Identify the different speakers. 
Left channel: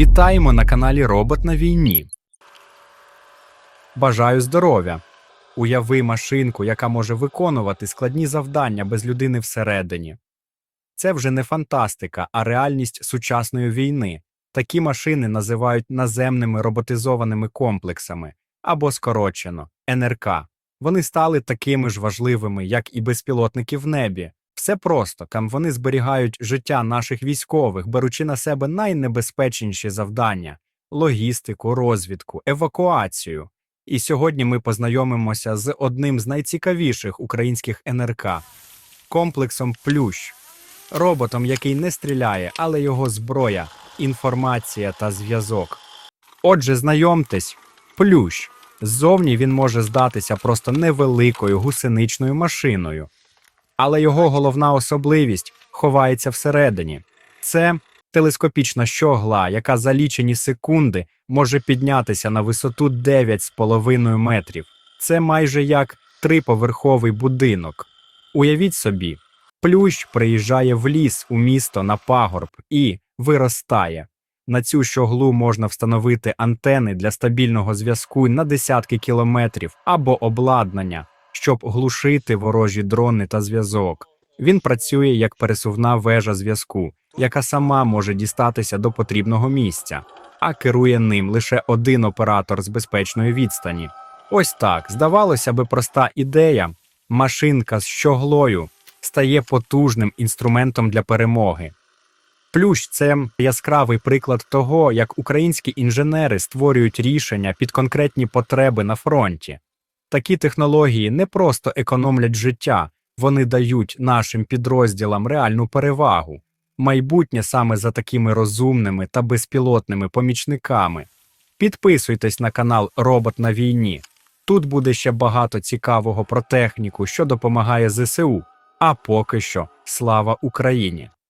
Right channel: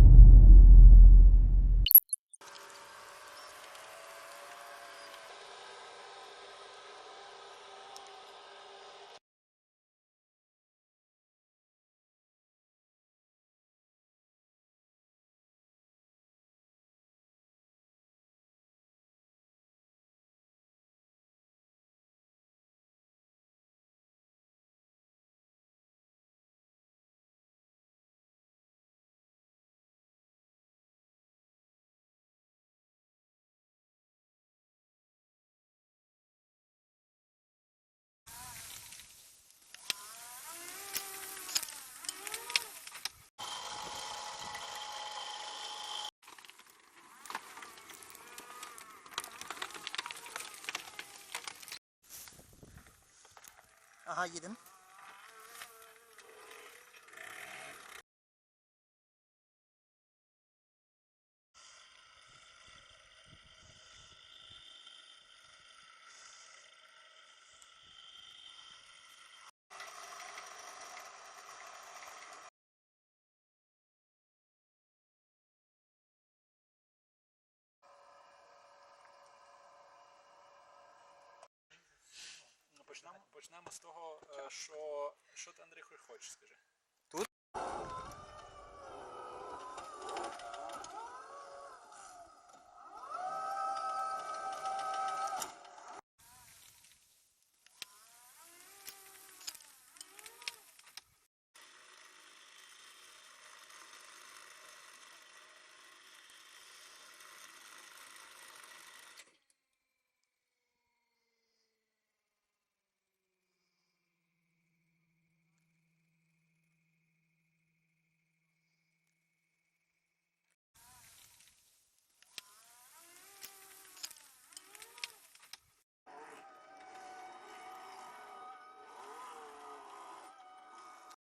Speaker 1: Вітаємо на каналі Робот на війні. Бажаю здоров'я. Уяви машинку, яка може виконувати складні завдання без людини всередині. Це вже не фантастика, а реальність сучасної війни. Такі машини називають наземними роботизованими комплексами або скорочено НРК. Вони стали такими ж важливими, як і безпілотники в небі. Все просто там вони зберігають життя наших військових, беручи на себе найнебезпечніші завдання логістику, розвідку, евакуацію. І сьогодні ми познайомимося з одним з найцікавіших українських НРК комплексом Плющ, роботом, який не стріляє, але його зброя, інформація та зв'язок. Отже, знайомтесь, Плющ. Ззовні він може здатися просто невеликою гусеничною машиною. Але його головна особливість ховається всередині. Це телескопічна щогла, яка за лічені секунди може піднятися на висоту 9,5 метрів. Це майже як триповерховий будинок. Уявіть собі, плющ приїжджає в ліс у місто на пагорб і виростає. На цю щоглу можна встановити антени для стабільного зв'язку на десятки кілометрів або обладнання, щоб глушити ворожі дрони та зв'язок. Він працює як пересувна вежа зв'язку, яка сама може дістатися до потрібного місця, а керує ним лише один оператор з безпечної відстані. Ось так, здавалося би, проста ідея. Машинка з щоглою стає потужним інструментом для перемоги. Плющ це яскравий приклад того, як українські інженери створюють рішення під конкретні потреби на фронті. Такі технології не просто економлять життя, вони дають нашим підрозділам реальну перевагу. Майбутнє саме за такими розумними та безпілотними помічниками. Підписуйтесь на канал Робот на війні. Тут буде ще багато цікавого про техніку, що допомагає ЗСУ. А поки що, слава Україні!